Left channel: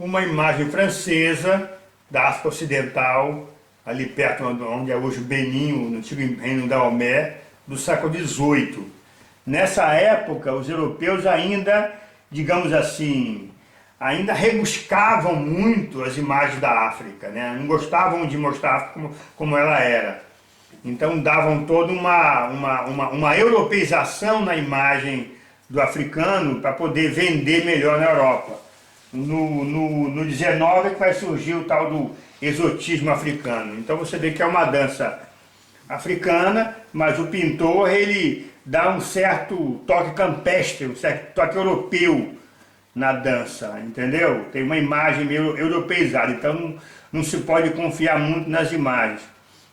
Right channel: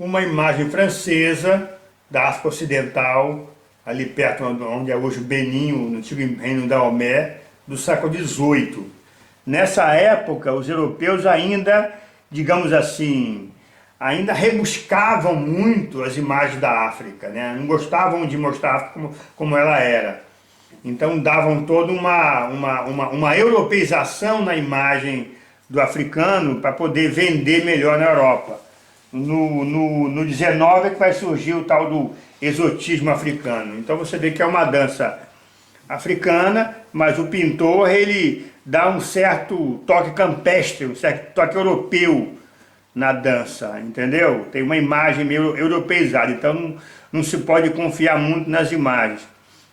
uma imagem francesa da África Ocidental, ali perto onde é hoje Benin, no antigo reino da Omé, do século XVIII. Nessa época, os europeus ainda, digamos assim, ainda rebuscavam muito as imagens da África, né? Não gostavam de mostrar a África como ela era. Então davam toda uma europeização na imagem do africano para poder vender melhor na Europa. No 19 é que vai surgir o tal do exotismo africano. Então você vê que é uma dança africana, mas o pintor ele dá um certo toque campestre, um certo toque europeu na dança, entendeu? Tem uma imagem meio europeizada, então não se pode confiar muito nas imagens.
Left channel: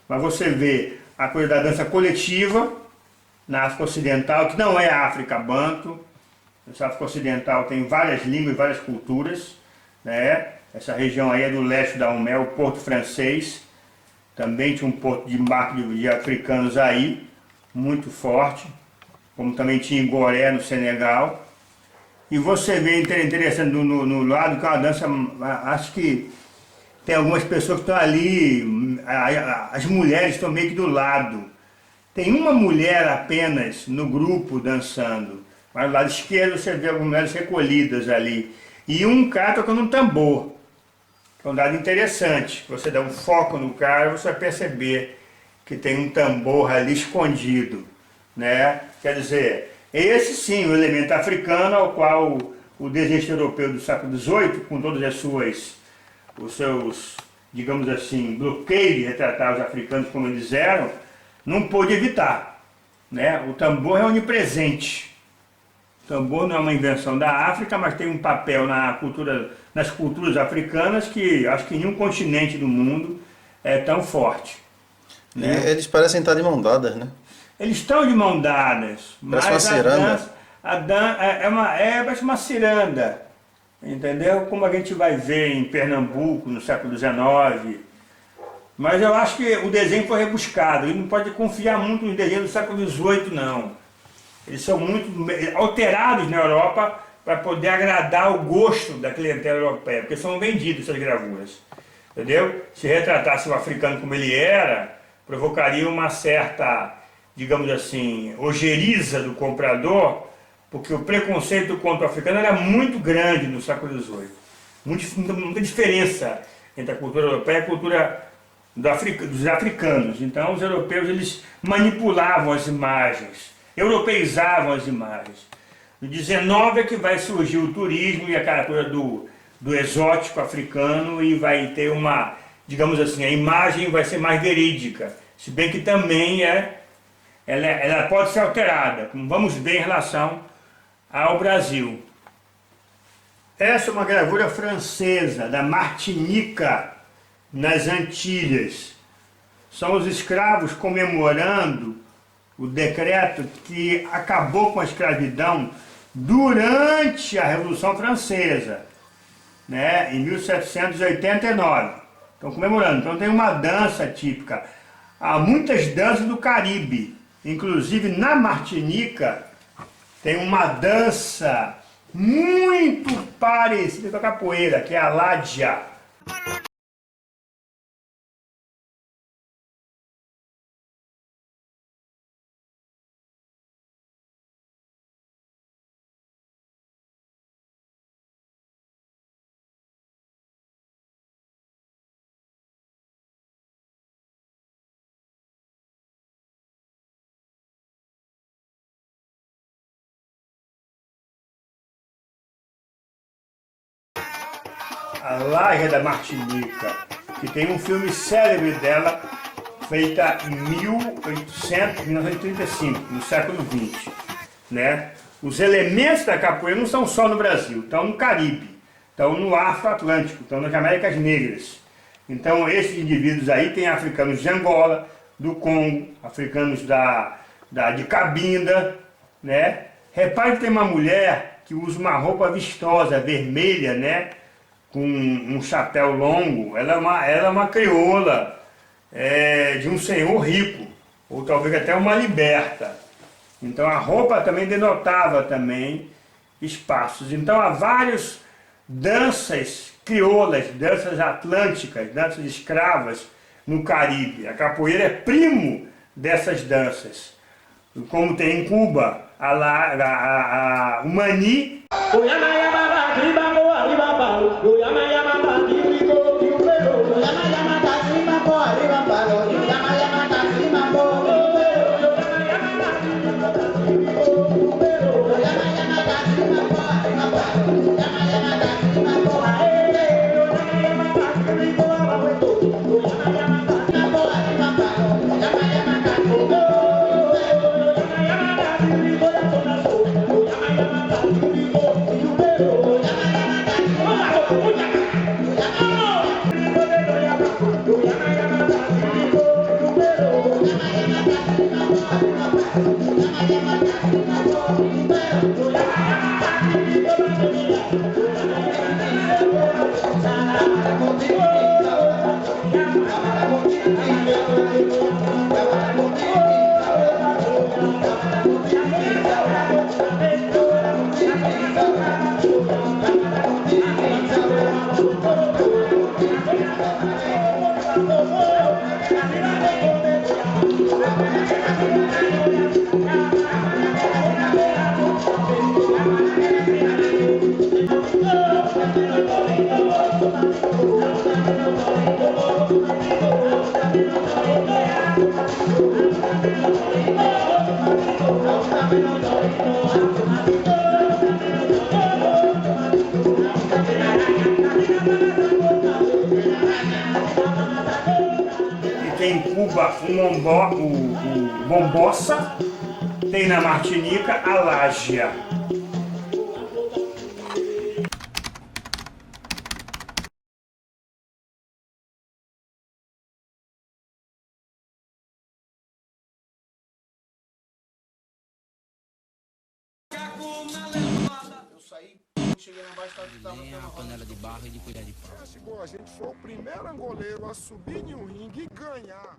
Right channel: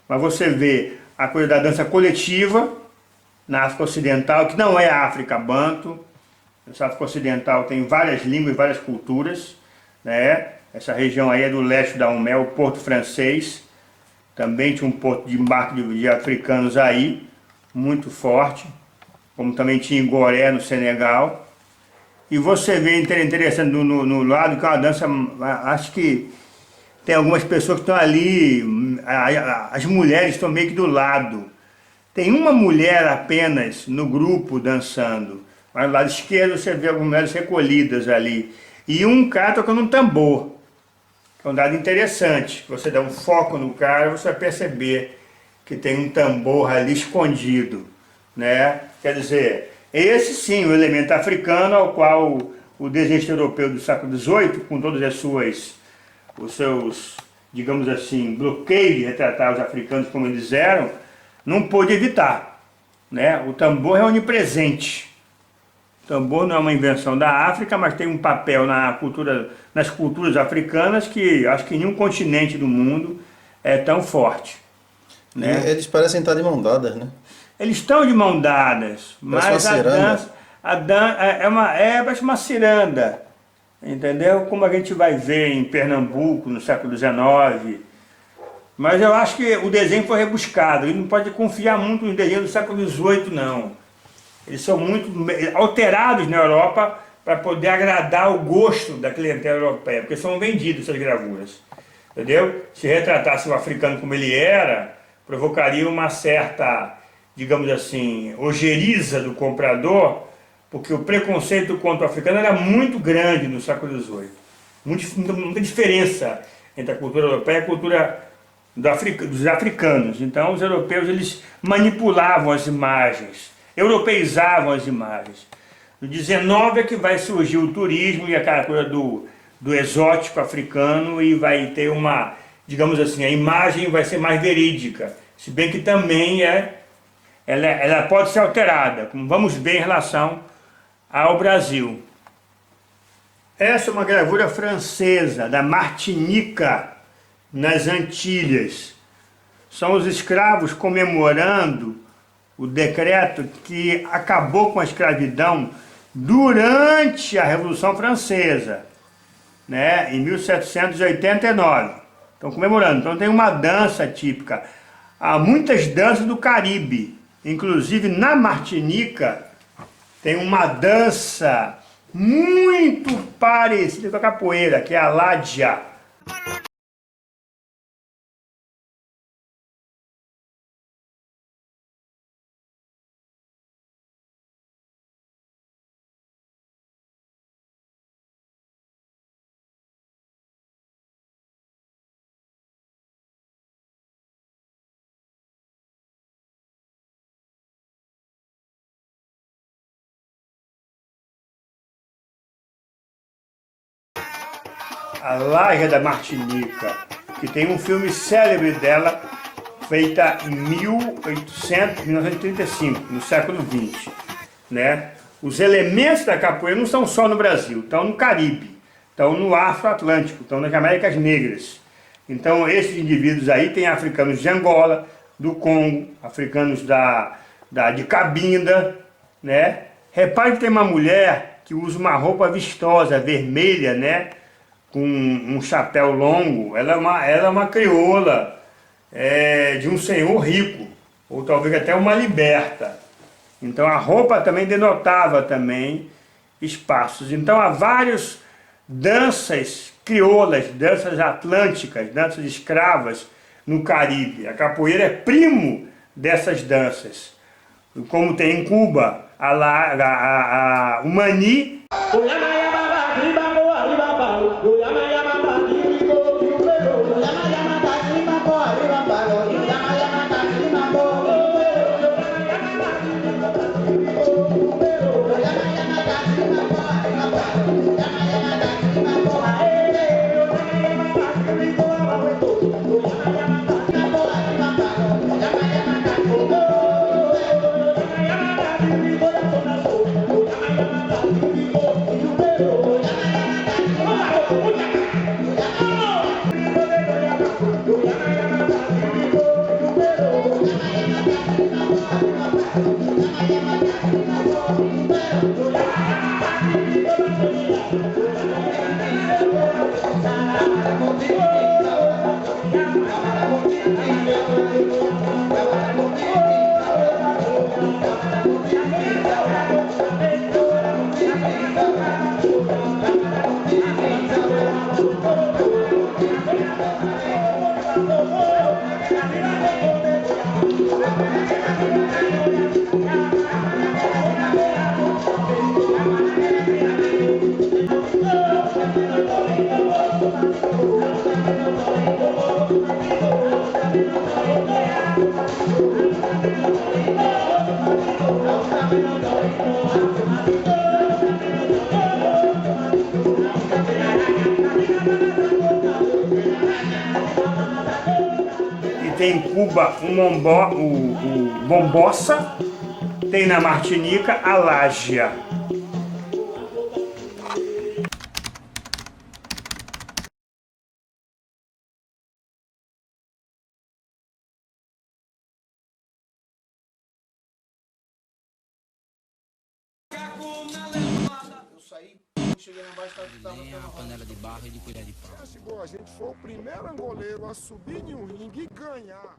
Mas você vê a coisa da dança coletiva na África Ocidental, que não é a África Banto. Essa África Ocidental tem várias línguas, várias culturas, né? Essa região aí é do leste da Omé, o Porto Francês. Também tinha um porto de embarque de africanos aí, muito forte. Como também tinha em Goré, no Senegal. E você vê interessante no lado que é uma dança, acho que tem algumas pessoas que estão ali, as mulheres estão meio que do lado. Tem uma mulher apenas no grupo dançando. Mas do lado esquerdo você vê algumas mulheres recolhidas ali. E um cara tocando um tambor. Que é um dado interessante. Você dá um foco no cara, você vai perceber que tem um tambor ali escondido, né? Quer dizer, esse sim, o elemento africano ao qual o desenho europeu do século XVIII, com todas os seus, digamos assim, bloqueios de retratar os africanos como eles eram, não pôde evitar, né? O tambor é onipresente. O tambor não é uma invenção da África, mas tem um papel nas culturas africanas que acho que nenhum continente do mundo é tão forte, né? E eles parecem estar de mão dadas, né? Eles estão de mão dadas, Parece uma mas ciranda. a dança parece uma ciranda, entendeu? Como a gente vai ver em Pernambuco no século XIX. Mas eu acho que o desenho foi rebuscado, e não pode confiar muito nos desenhos do século XVIII, não. Eles são muito alterados na Europa para poder agradar o gosto da clientela europeia, porque são vendidos essas gravuras, entendeu? Se retratasse o africano como ele era, provocaria uma certa, digamos assim, ojeriza do comprador, porque o preconceito contra o africano era muito grande no século XVIII. Muita diferença entre a cultura europeia e a cultura dos africanos. Então os europeus eles manipulavam as imagens, europeizavam as imagens. No 19 é que vai surgir o turismo e aquela coisa do exótico africano e vai ter uma, digamos assim, a imagem vai ser mais verídica, se bem que também ela pode ser alterada, como vamos ver em relação ao Brasil. Essa é uma gravura francesa, da Martinica, nas Antilhas. São os escravos comemorando o decreto que acabou com a escravidão durante a Revolução Francesa, né, em 1789. Estão comemorando. Então tem uma dança típica. Há muitas danças do Caribe, inclusive na Martinica tem uma dança muito parecida com a capoeira, que é a Ládia. A Laia da Martinica, que tem um filme célebre dela, feita em 1935, no século XX, né? Os elementos da capoeira não estão só no Brasil, estão no Caribe, estão no Afro-Atlântico, estão nas Américas Negras. Então esses indivíduos aí tem africanos de Angola, do Congo, africanos de Cabinda, né? Repare que tem uma mulher que usa uma roupa vistosa, vermelha, né? Com um chapéu longo. Ela é uma crioula de um senhor rico, ou talvez até uma liberta. Então a roupa também denotava também espaços. Então há vários danças crioulas, danças atlânticas, danças escravas no Caribe. A capoeira é primo dessas danças. Como tem em Cuba, o mani. E tem em Cuba o bombossa, tem na Martinica a lágia. Eu saí, cheguei lá embaixo, tava a panela de barro e de colher de pau. A gente foi o primeiro angoleiro a subir em um ringue e ganhar.